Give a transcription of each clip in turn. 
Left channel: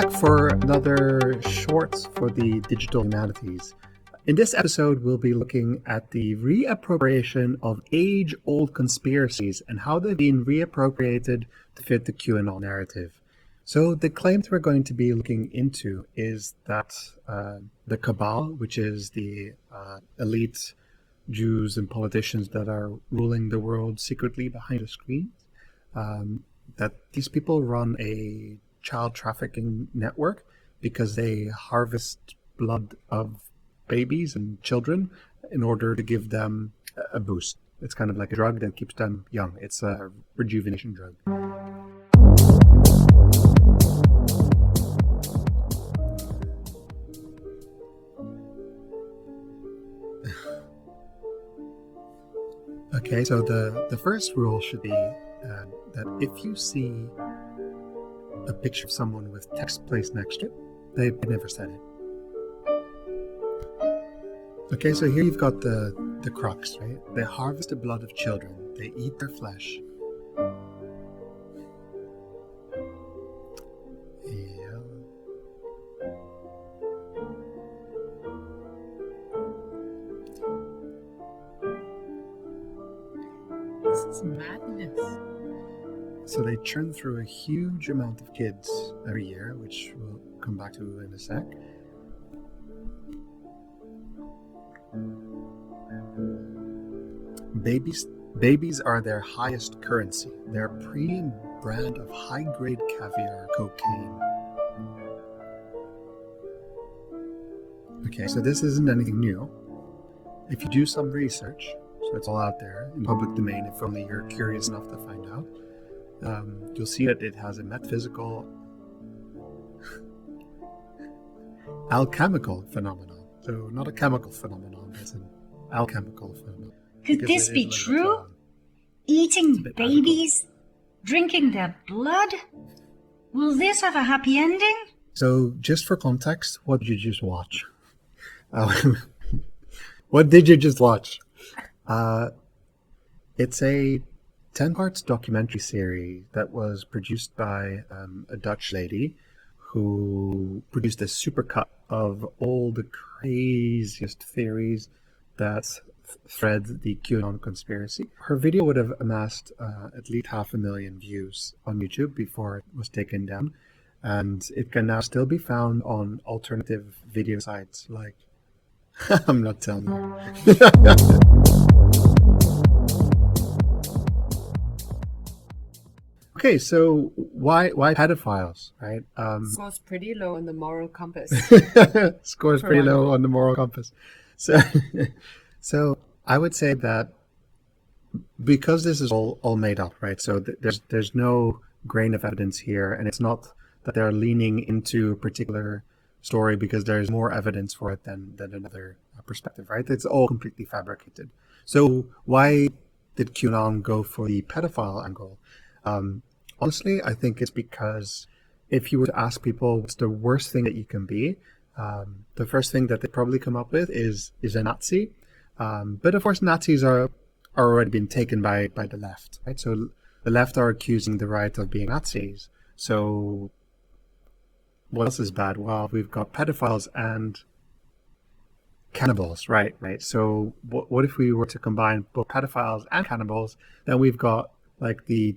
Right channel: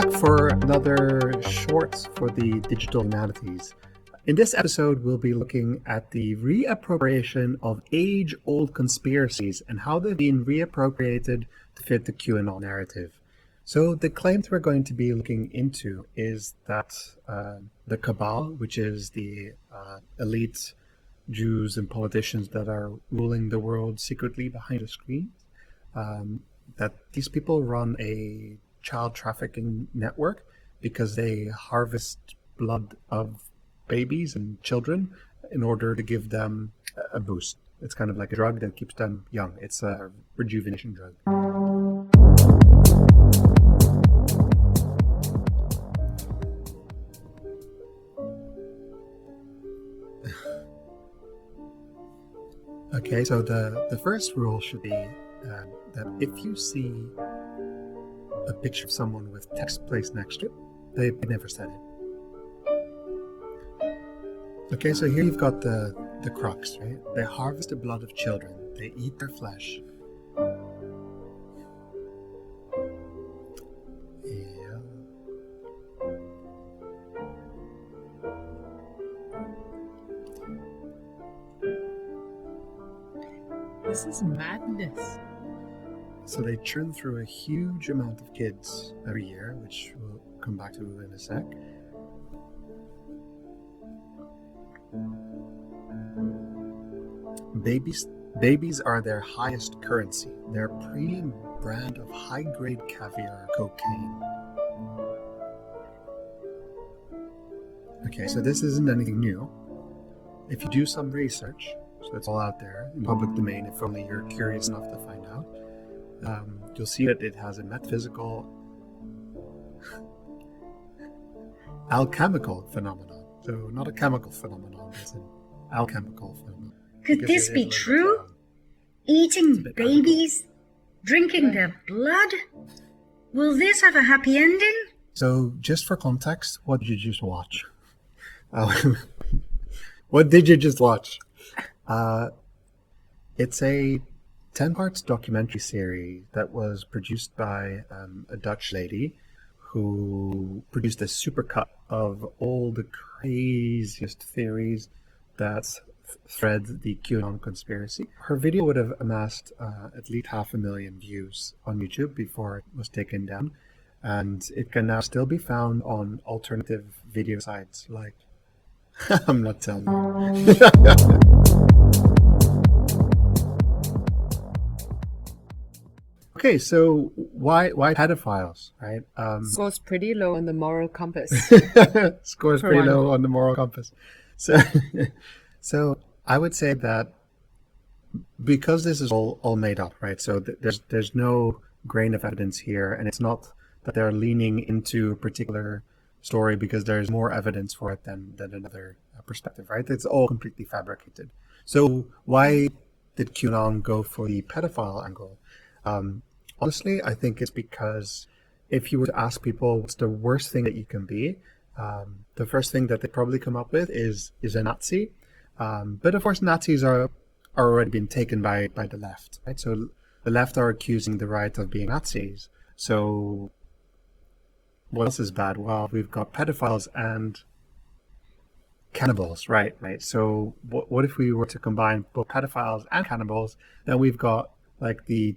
back for another short for the digital humanities. In this episode, we'll be looking at the reappropriation of age-old conspiracies and how they've been reappropriated to fit the QAnon narrative. So the claims we're going to be looking into is that the cabal, which is the elite Jews and politicians that are ruling the world secretly behind the screens, that these people run a child trafficking network because they harvest blood of babies and children in order to give them a boost. It's kind of like a drug that keeps them young. It's a rejuvenation drug. Okay, so the first rule should be that if you see a picture of someone with text placed next to it, they've never said it. Okay, so here you've got the crux, right? They harvest the blood of children. They eat their flesh. Yeah. This is madness. So they churn through a huge amount of kids every year, which we'll come back to in a sec. Babies are their highest currency. Their premium brand of high-grade caviar cocaine. Okay, so this isn't anything new. If you do some research, so it's all out there in public domain, if only you're curious enough to find out, you'll see that it has a metaphysical alchemical phenomenon. So not a chemical phenomenon, it's an alchemical phenomenon. Could this be true? Eating babies? Drinking their blood? Will this have a happy ending? So just for context, what did you just watch? What did you just watch? It's a 10 parts documentary series that was produced by a Dutch lady who produced a supercut of all the craziest theories that thread the QAnon conspiracy. Her video would have amassed at least 500,000 views on YouTube before it was taken down, and it can now still be found on alternative video sites like I'm not telling you. Okay, so why pedophiles, right? Scores pretty low on the moral compass. Scores pretty low on the moral compass. So I would say that because this is all made up, right? So there's no grain of evidence here, and it's not that they're leaning into a particular story because there's more evidence for it than another perspective, right? That's all completely fabricated. So why did QAnon go for the pedophile angle? Honestly, I think it's because if you were to ask people what's the worst thing that you can be, the first thing that they probably come up with is a Nazi. But of course, Nazis are already been taken by the left, right? So the left are accusing the right of being Nazis. So what else is bad? Well, we've got pedophiles and cannibals, right? So what if we were to combine both pedophiles and cannibals? Then we've got like the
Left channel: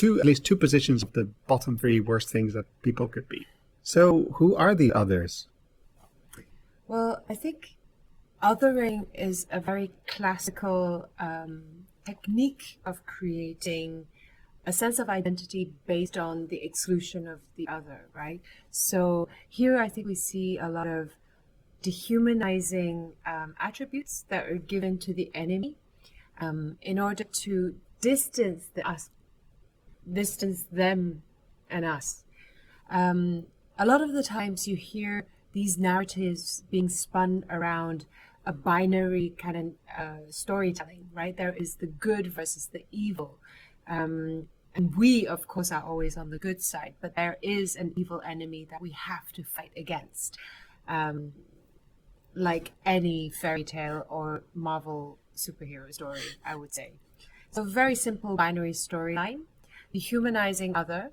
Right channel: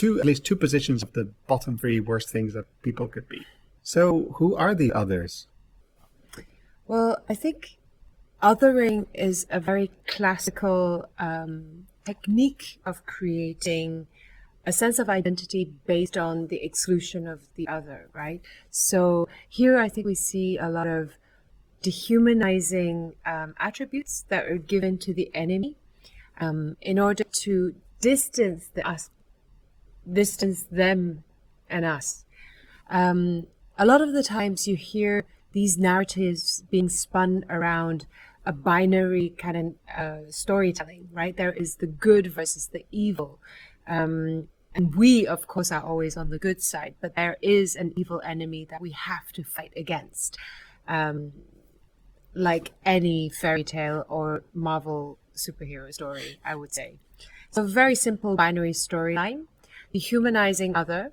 at least two positions of the bottom three worst things that people could be. So who are the others? Well, I think othering is a very classical technique of creating a sense of identity based on the exclusion of the other, right? So here I think we see a lot of dehumanizing attributes that are given to the enemy in order to distance them and us. A lot of the times you hear these narratives being spun around a binary kind of storytelling, right? There is the good versus the evil. And we, of course, are always on the good side, but there is an evil enemy that we have to fight against. Like any fairy tale or Marvel superhero story, I would say. So a very simple binary storyline, the humanizing other,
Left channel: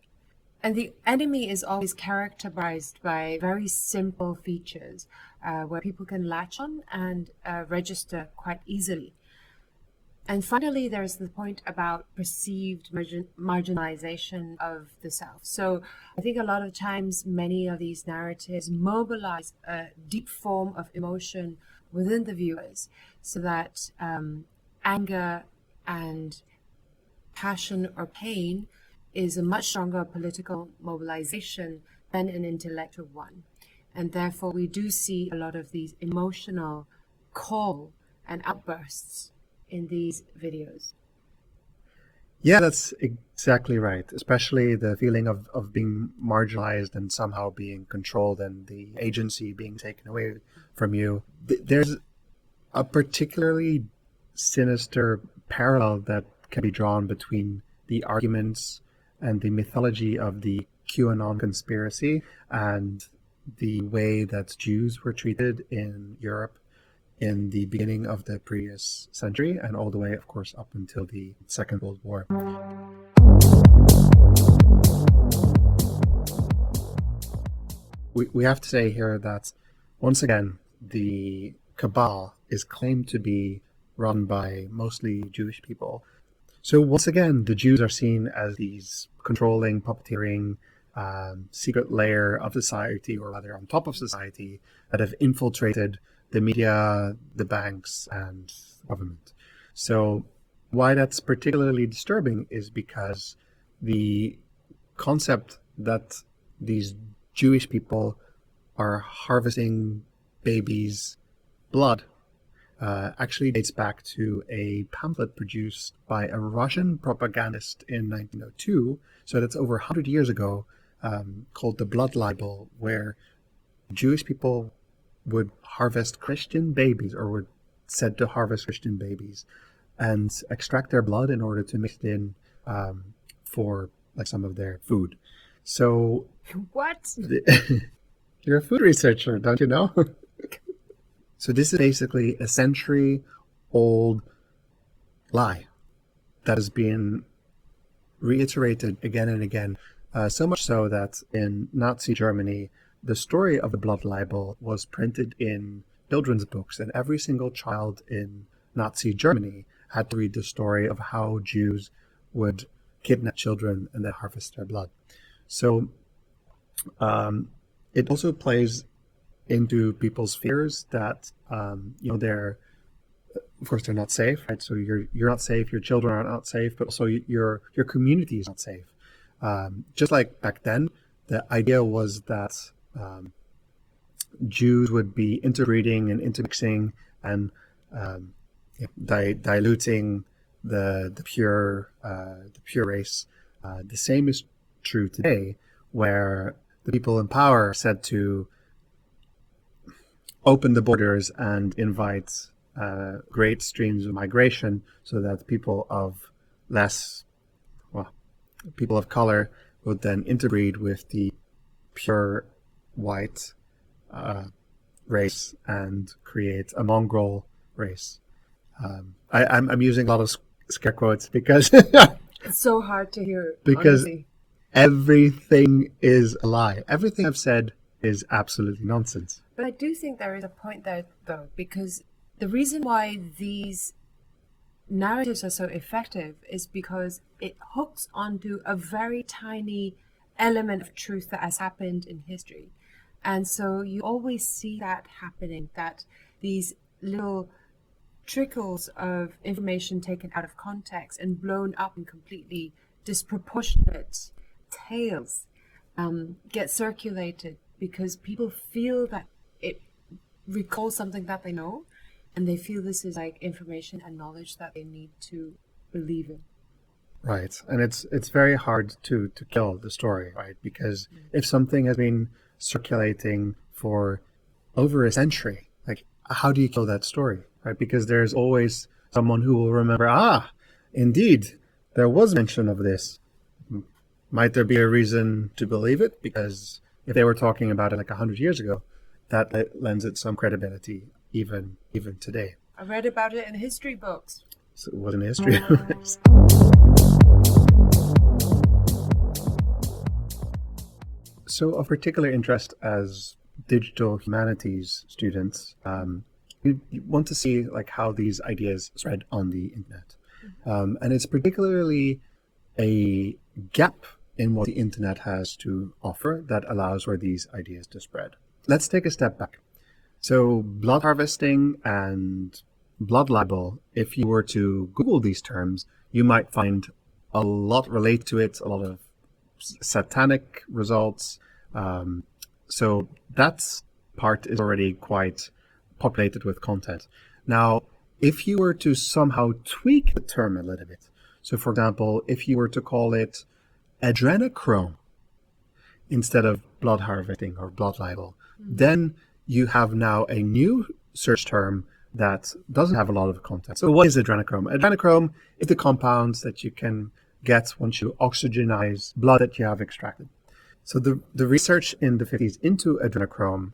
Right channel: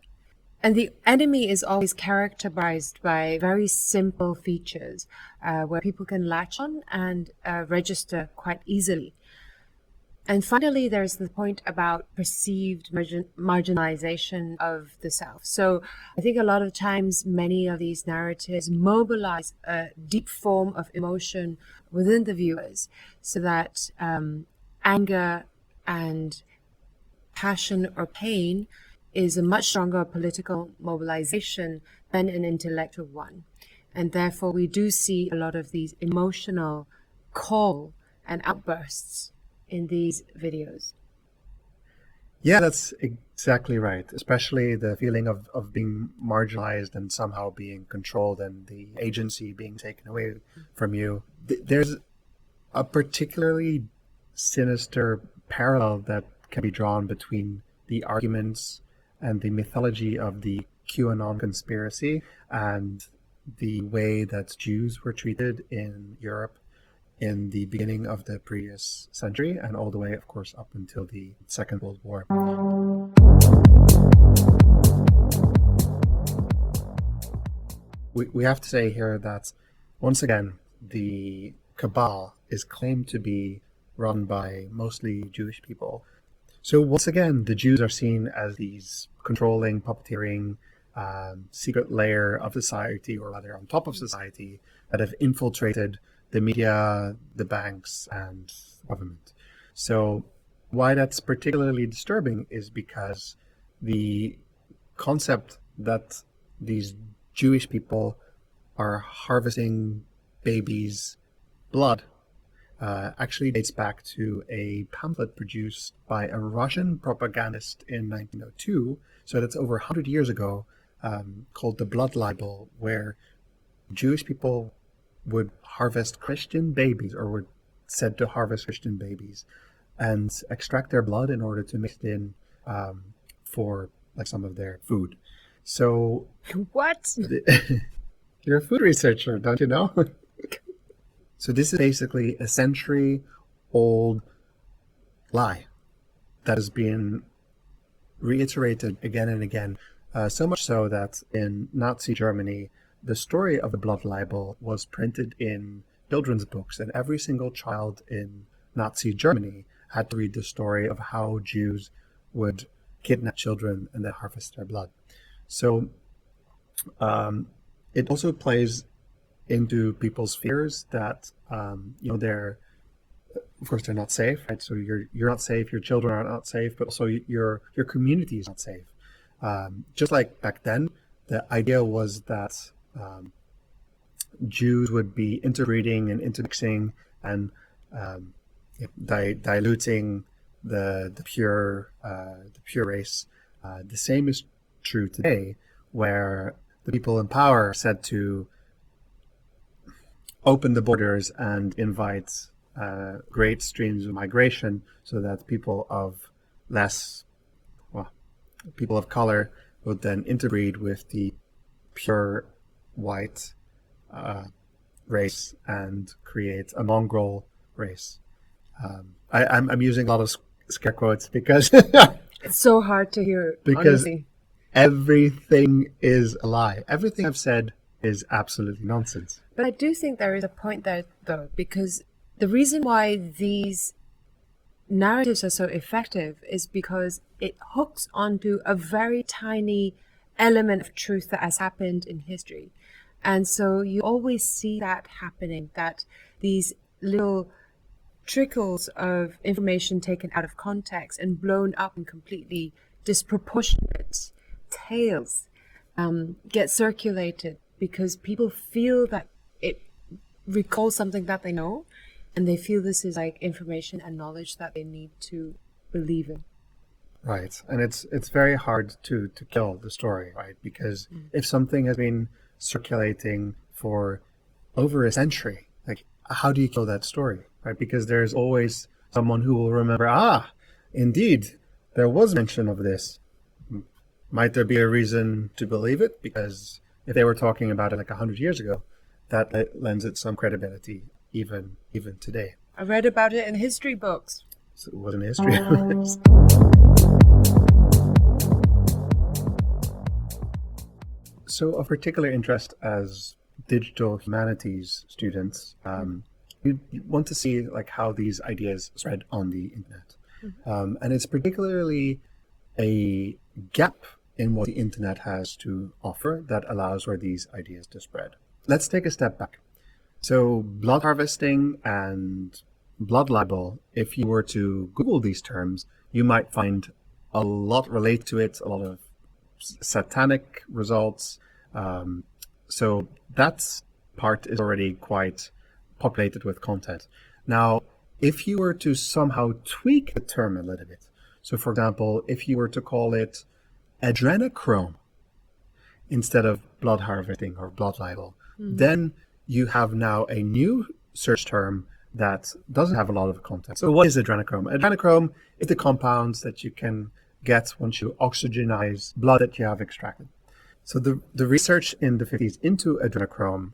And the enemy is always characterized by very simple features where people can latch on and register quite easily. And finally, there's the point about perceived marginalization of the South. So I think a lot of times many of these narratives mobilize a deep form of emotion within the viewers so that anger and passion or pain is a much stronger political mobilization than an intellectual one. And therefore, we do see a lot of these emotional call and outbursts in these videos. Yeah, that's exactly right. Especially the feeling of being marginalized and somehow being controlled and the agency being taken away from you. There's a particularly sinister parallel that can be drawn between the arguments and the mythology of the QAnon conspiracy and the way that Jews were treated in Europe in the beginning of the previous century and all the way, of course, up until the Second World War. We have to say here that, once again, the cabal is claimed to be run by mostly Jewish people. So once again, the Jews are seen as these controlling, puppeteering, secret layer of society, or rather on top of society, that have infiltrated the media, the banks, and government. So why that's particularly disturbing is because the concept that these Jewish people are harvesting babies' blood actually dates back to a pamphlet produced by a Russian propagandist in 1902, so that's over 100 years ago, called the Blood Libel, where Jewish people would harvest Christian babies, or were said to harvest Christian babies, and extract their blood in order to mix it in for like some of their food. So What? You're a food researcher, don't you know? So this is basically a century-old lie that has been reiterated again and again, so much so that in Nazi Germany, the story of the blood libel was printed in children's books, and every single child in Nazi Germany had to read the story of how Jews would kidnap children and then harvest their blood. So it also plays into people's fears that they're, of course, they're not safe, right? So you're not safe, your children are not safe, but also your community is not safe. Just like back then, the idea was that Jews would be interbreeding and intermixing and diluting the pure race. The same is true today, where the people in power are said to open the borders and invite great streams of migration so that people of color would then interbreed with the pure white race and create a mongrel race. I'm using a lot of scare quotes because It's so hard to hear. because Honestly. everything is a lie. Everything I've said is absolutely nonsense. But I do think there is a point there, though, because the reason why these narratives are so effective is because it hooks onto a very tiny element of truth that has happened in history. And so you always see that happening, that these little trickles of information taken out of context and blown up in completely disproportionate tales get circulated because people feel that it recalls something that they know, and they feel this is like information and knowledge that they need to believe in. Right. And it's very hard to kill the story, right? Because if something has been circulating for over a century, like how do you kill that story? Right? Because there's always someone who will remember, indeed, there was mention of this. Might there be a reason to believe it? Because if they were talking about it like 100 years ago, that lends it some credibility even today. I read about it in history books. So it wasn't history. So of particular interest as digital humanities students, you want to see like how these ideas spread on the internet. And it's particularly a gap in what the internet has to offer that allows for these ideas to spread. Let's take a step back. So blood harvesting and blood libel, if you were to Google these terms, you might find a lot relate to it, a lot of satanic results. So that part is already quite populated with content. Now, if you were to somehow tweak the term a little bit, so for example, if you were to call it adrenochrome instead of blood harvesting or blood libel, then you have now a new search term that doesn't have a lot of content. So what is adrenochrome? Adrenochrome is the compounds that you can get once you oxygenize blood that you have extracted. So the research in the 50s into adrenochrome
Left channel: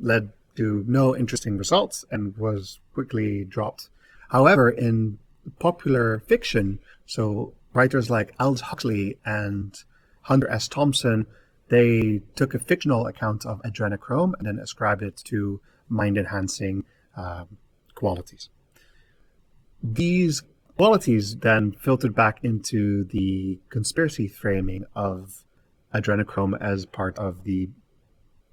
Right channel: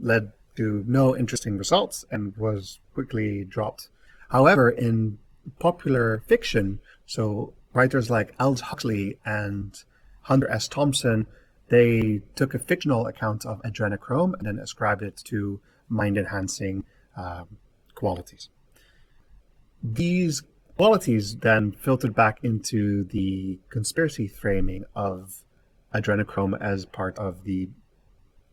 led to no interesting results and was quickly dropped. However, in popular fiction, so writers like Aldous Huxley and Hunter S. Thompson, they took a fictional account of adrenochrome and then ascribed it to mind-enhancing qualities. These qualities then filtered back into the conspiracy framing of adrenochrome as part of the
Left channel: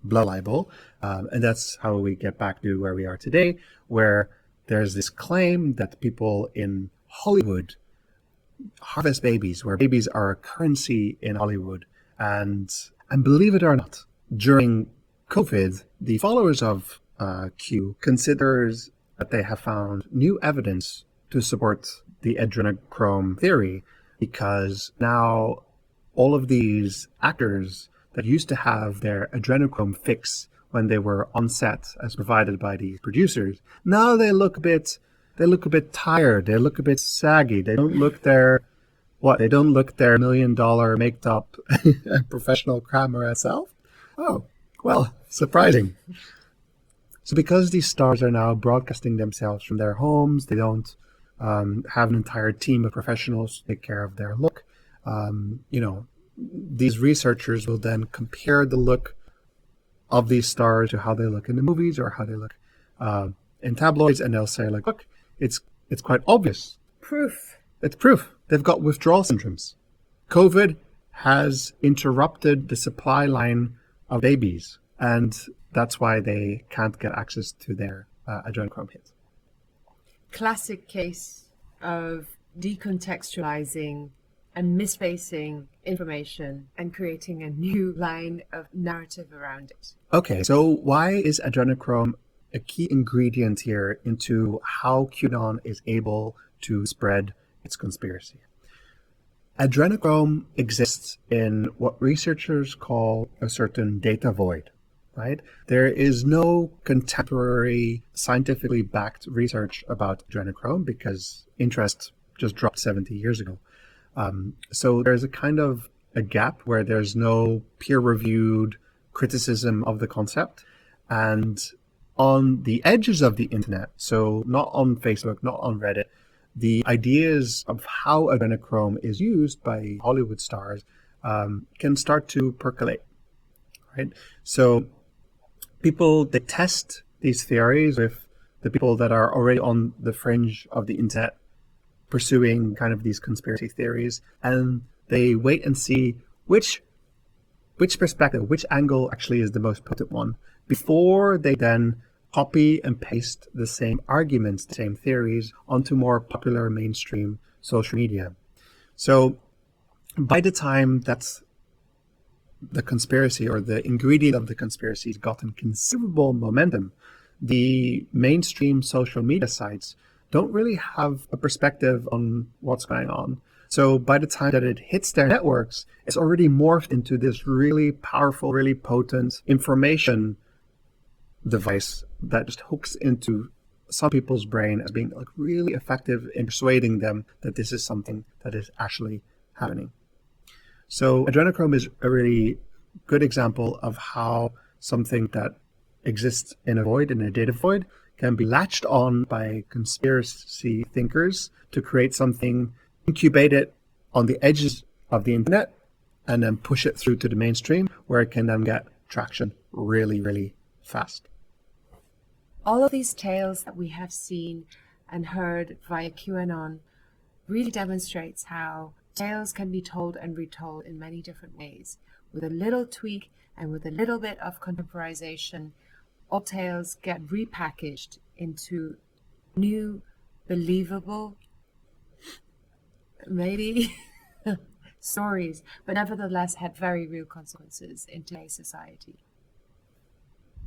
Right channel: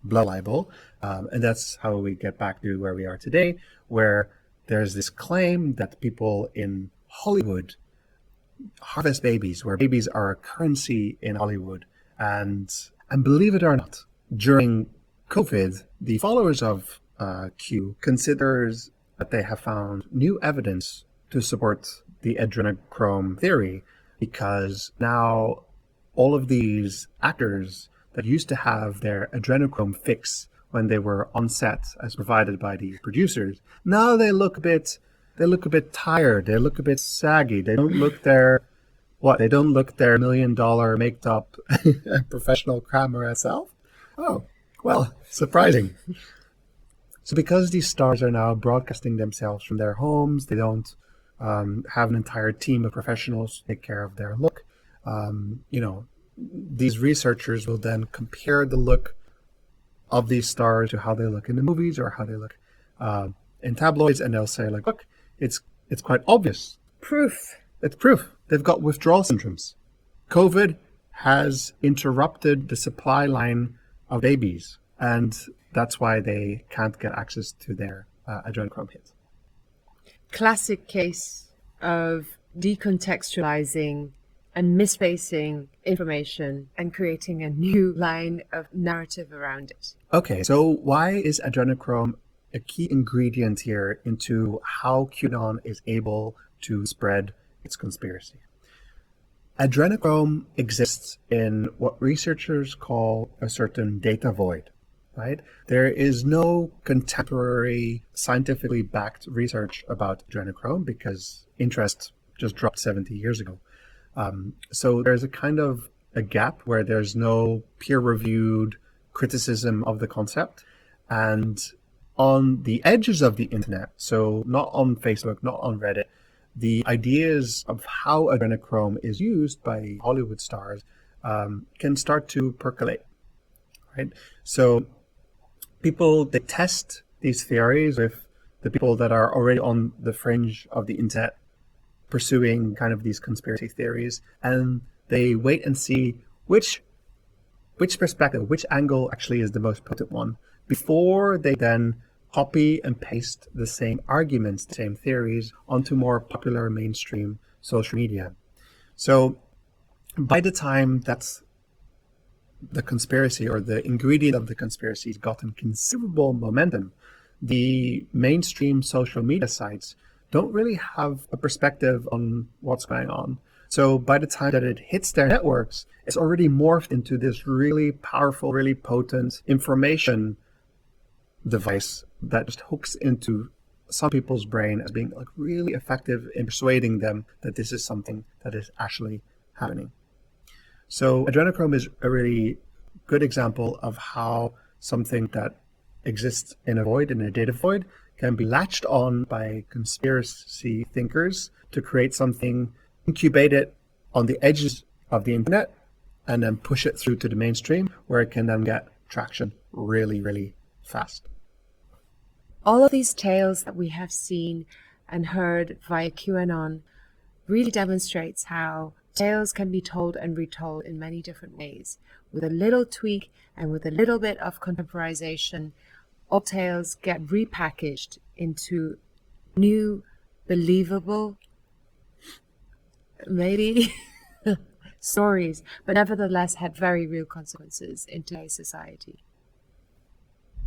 blood libel. And that's how we get back to where we are today, where there's this claim that people in Hollywood harvest babies, where babies are a currency in Hollywood. And believe it or not, during COVID, the followers of Q considers that they have found new evidence to support the adrenochrome theory, because now all of these actors that used to have their adrenochrome fix when they were on set as provided by these producers, now they look a bit tired, they look a bit saggy, they don't look their $1 million maked up professional camera self. Oh, well, surprising. So because these stars are now broadcasting themselves from their homes, they don't have an entire team of professionals to take care of their look. These researchers will then compare the look of these stars to how they look in the movies or how they look in tabloids, and they'll say, like, look, it's quite obvious. It's proof. They've got withdrawal syndromes. COVID has interrupted the supply line of babies, and that's why they can't get access to their adrenochrome hits. Classic case of decontextualizing and misplacing information and creating a new line of narrative around it. Okay, so why is adrenochrome a key ingredient here into how QAnon is able to spread its conspiracy? Adrenochrome exists in what researchers call a certain data void, right? There is no contemporary scientifically backed research about adrenochrome because interest just dropped 70 years ago. So there's a kind of a gap where there's no peer-reviewed criticism of the concept. And on the edges of the internet, so not on Facebook, not on Reddit, the ideas of how adrenochrome is used by Hollywood stars can start to percolate, right? So people detest these theories with the people that are already on the fringe of the internet pursuing kind of these conspiracy theories, and they wait and see which perspective, which angle actually is the most potent one before they then copy and paste the same arguments, the same theories onto more popular mainstream social media. So by the time that's the conspiracy or the ingredient of the conspiracy has gotten considerable momentum, the mainstream social media sites don't really have a perspective on what's going on. So by the time that it hits their networks, it's already morphed into this really powerful, really potent information device that just hooks into some people's brain as being like really effective in persuading them that this is something that is actually happening. So adrenochrome is a really good example of how something that exists in a void, in a data void, can be latched on by conspiracy thinkers to create something incubated on the edges of the internet and then push it through to the mainstream where it can then get traction really, really fast. All of these tales that we have seen and heard via QAnon really demonstrates how tales can be told and retold in many different ways. With a little tweak and with a little bit of contemporization, old tales get repackaged into new, believable, maybe stories, but nevertheless had very real consequences in today's society.